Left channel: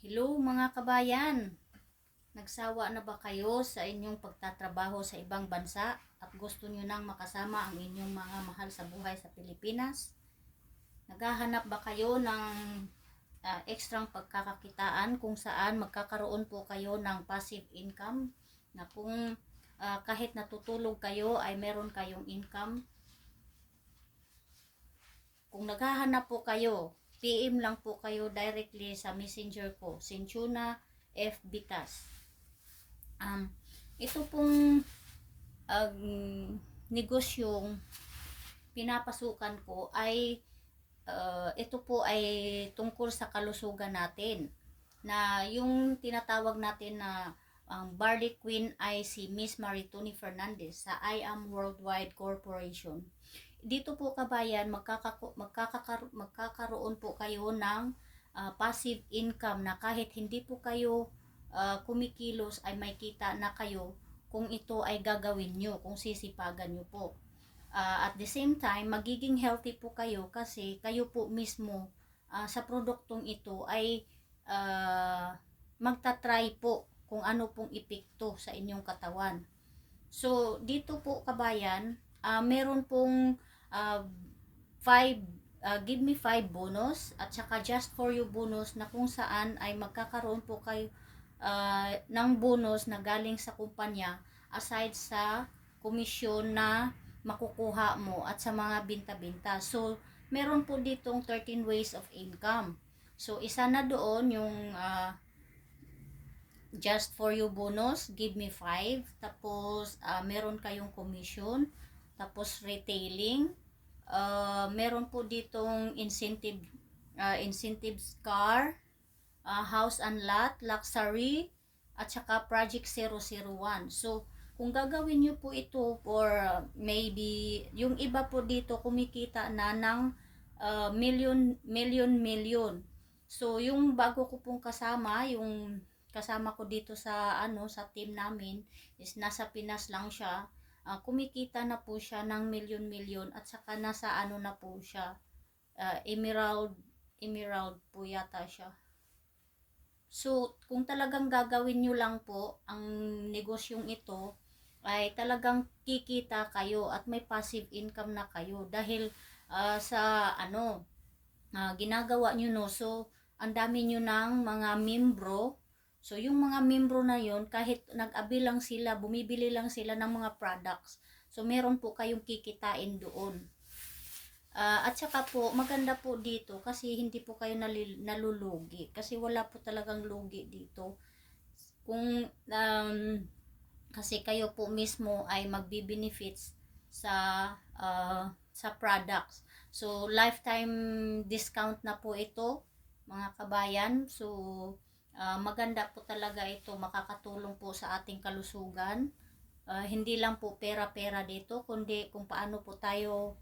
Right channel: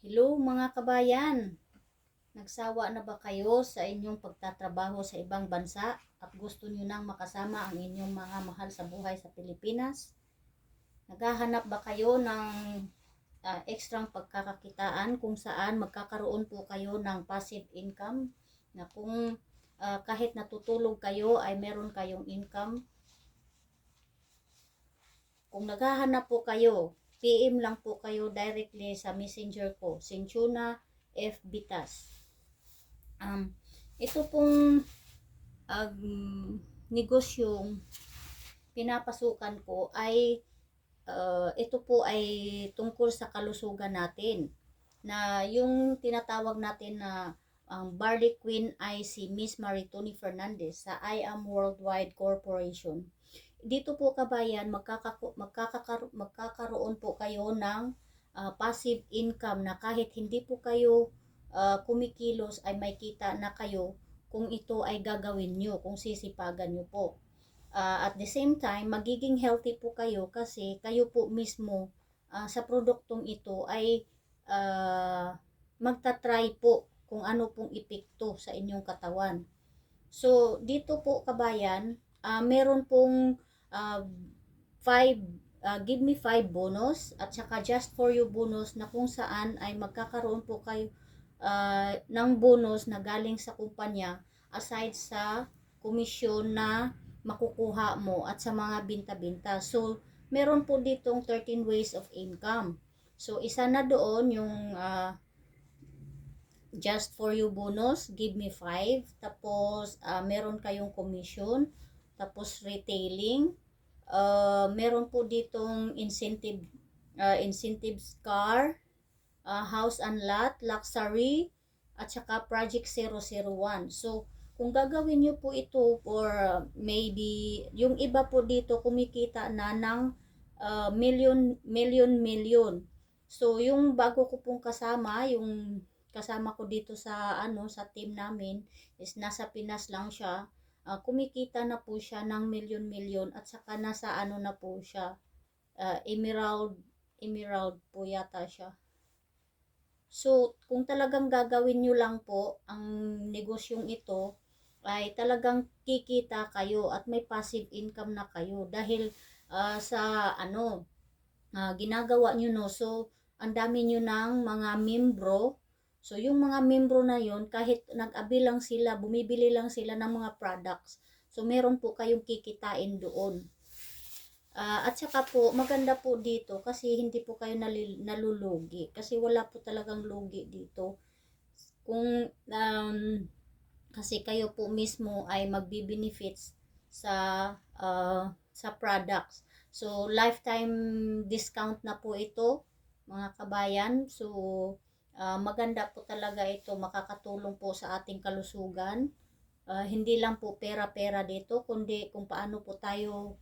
Hello mga kabayan! Nagsawa na ba kayo sa inyong pagtatrabaho sa ibang bansa at gusto nyo nang makasama ang inyong mga mahal sa buhay sa Pilipinas? Naghahanap ba kayo ng ekstrang pagkakakitaan kung saan magkakaroon po kayo ng passive income na kung kahit natutulog kayo ay meron kayong income? Kung naghahanap po kayo, PM lang po kayo directly sa messenger ko, Sinchuna F. Bitas. Ito pong negosyong pinapasukan ko ay ito po ay tungkol sa kalusugan natin, na yung tinatawag natin na ang Barley Queen ay si Miss Maritoni Fernandez sa I Am Worldwide Corporation. Dito po kabayan, magkakaroon po kayo ng passive income na kahit hindi po kayo kumikilos ay may kita na kayo kung ito ay gagawin nyo, kung sisipagan nyo po. At the same time, magiging healthy po kayo kasi kayo po mismo sa produktong ito ay magta-try po kung ano pong epekto sa inyong katawan. So, dito po kabayan, meron pong 5 give me 5 bonus at saka just for you bonus na kung saan ay magkakaroon po kayo ng bonus na galing sa kumpanya aside sa komisyon na makukuha mo at sa mga binta-binta. So, meron po ditong 13 ways of income. So, isa na doon yung just for you bonus, give me 5. Tapos, meron kayong commission. Tapos, retailing. Meron po ditong incentives car, house and lot, luxury, at saka project 001. So, kung gagawin nyo po ito for maybe, yung iba po dito kumikita na ng million. So, yung bago ko pong kasama, yung kasama ko dito sa sa team namin is nasa Pinas lang siya. Kumikita na po siya ng million at saka nasa na po siya, emerald po yata siya. So, kung talagang gagawin nyo lang po ang negosyong ito, ay talagang kikita kayo at may passive income na kayo dahil sa ginagawa nyo, no. So, ang dami nyo ng mga membro. So, yung mga membro na yun, kahit nag-abi lang sila, bumibili lang sila ng mga products. So, meron po kayong kikitain doon. At saka po, maganda po dito kasi hindi po kayo nalulugi. Kasi wala po talagang lugi dito. Kung kasi kayo po mismo ay magbi-benefits sa products. So, lifetime discount na po ito, mga kabayan. So, maganda po talaga ito. Makakatulong po sa ating kalusugan. Hindi lang po pera-pera dito, kundi kung paano po tayo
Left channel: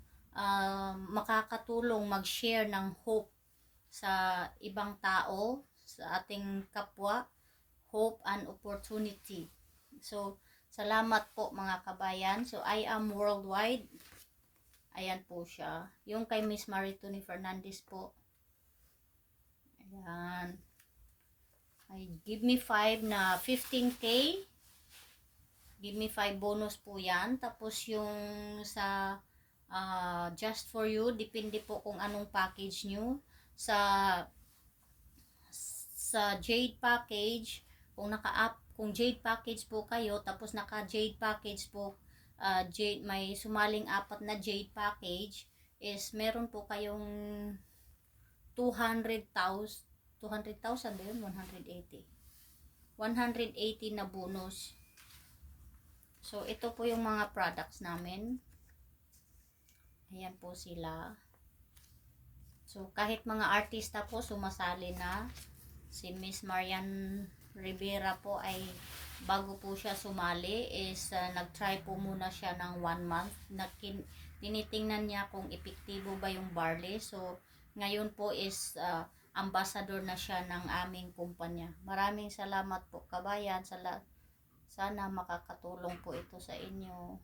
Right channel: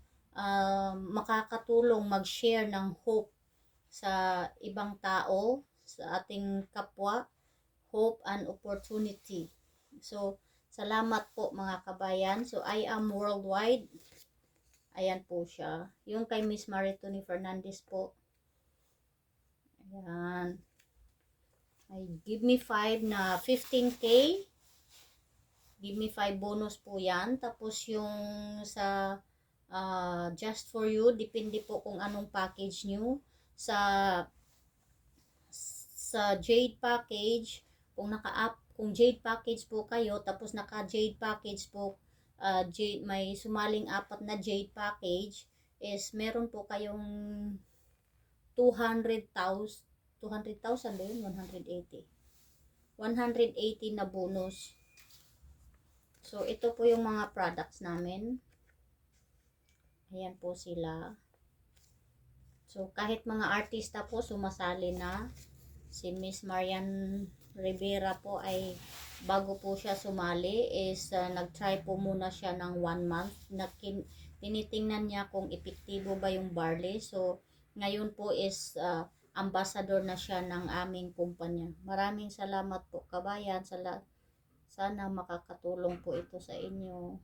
makakatulong mag-share ng hope sa ibang tao, sa ating kapwa, hope and opportunity. So, salamat po mga kabayan. So, I Am Worldwide. Ayan po siya. Yung kay Miss Maritoni Fernandez po. Ayan. Ay, give me 5 na 15K. Give me 5 bonus po yan. Tapos yung sa just for you, depende po kung anong package nyo. Sa Jade package, kung Jade package po kayo, tapos naka Jade package po, Jade, may sumaling 4 na Jade package, is meron po kayong 200,000 ba yun? 180 na bonus. So, ito po yung mga products namin. Ayan po sila. So, kahit mga artista po sumasali na. Si Miss Marian Rivera po ay bago po siya sumali is nag-try po muna siya ng 1 month. Tinitingnan niya kung epektibo ba yung barley. So, ngayon po is ambassador na siya ng aming kumpanya. Maraming salamat po kabayan. Sana makakatulong po ito sa inyo.